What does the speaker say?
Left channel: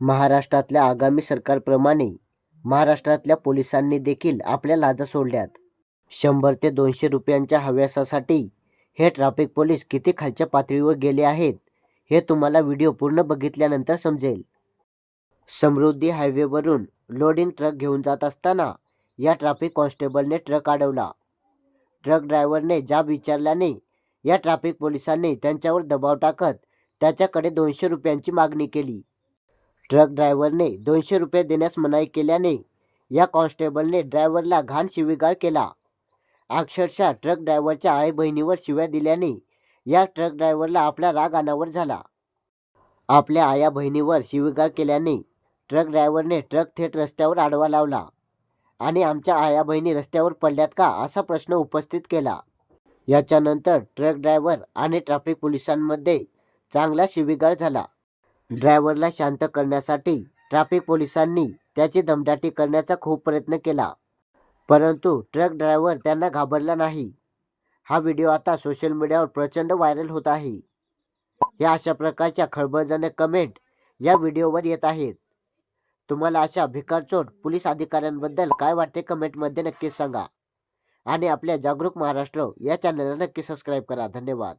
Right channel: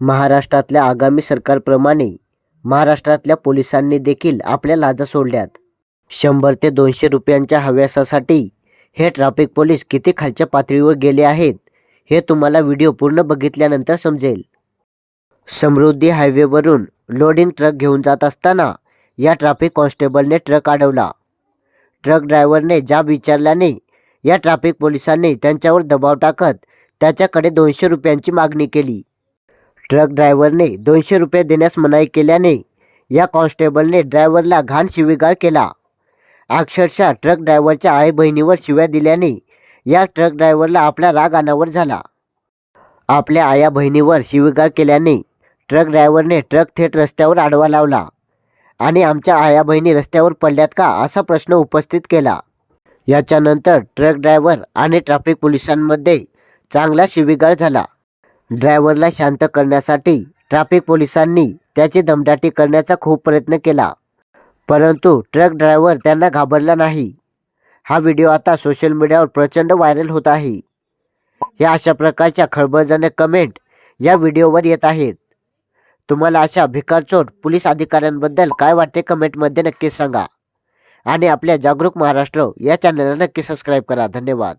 महाराष्ट्रातल्या आगामी सरकारप्रमाणे महाराष्ट्रातल्या पोलिसांनी देखील आपल्या लाजा सोडल्यात. 100 ते 200 रुपयांच्या हव्यासासाठी हे ट्रॅफिक पोलीस किती खालच्या पातळीवर गेले आहेत हे तुम्हाला व्हिडिओ पूर्ण बघितल्यानंतर समजेल. समृद्धी हायवेवरून लोडिंग ट्रक घेऊन जात असताना या ट्रॅफिक कॉन्स्टेबलने ट्रक अडवला. ट्रक ड्रायव्हरने जाब विचारल्याने या ट्रॅफिक पोलिसांनी त्यांच्यावर दबाव टाकत त्याच्याकडे 200 रुपयांची मागणी केली. ट्रक ड्रायव्हरने 200 रुपये देण्यास मनाई केल्याने या कॉन्स्टेबलने ड्रायव्हरला घाण शिवीगाळ केला. अक्षरशः ट्रक ड्रायव्हरच्या आई बहिणीवर शिव्या दिल्याने या ट्रक ड्रायव्हरला आपला राग अनावर झाला. आपल्या आया बहिणीवर शिवीगाळ केल्याने ट्रक ड्रायव्हरने ट्रक थेट रस्त्यावर आडवा लावला आणि आमच्या आया बहिणी रस्त्यावर पडल्यात का असा प्रश्न उपस्थित केला. याच्यानंतर ट्रक ड्रायव्हर आणि ट्रॅफिक पोलिसांमध्ये चांगला शिवीगाळ झाला. ड्रायव्हरला शांत करण्यासाठी ट्रॅफिक पोलिसांनी त्याची दमदाटी करण्याचा खूप प्रयत्न केला, परंतु ट्रक ड्रायव्हर त्यांना घाबरला नाही. हा व्हिडिओ आता सोशल मीडियावर प्रचंड व्हायरल होत आहे. या अशा प्रकारच्या खळबळजनक कमेंट या व्हिडिओवर येत आहेत. तुम्हाला अशा भिकारचोट पोलीस अधिकाऱ्यांबद्दल काय वाटते कमेंटमध्ये नक्कीच सांगा आणि आपल्या जागरूक महाराष्ट्र या चॅनलला नक्की सबस्क्राईब करा. धन्यवाद.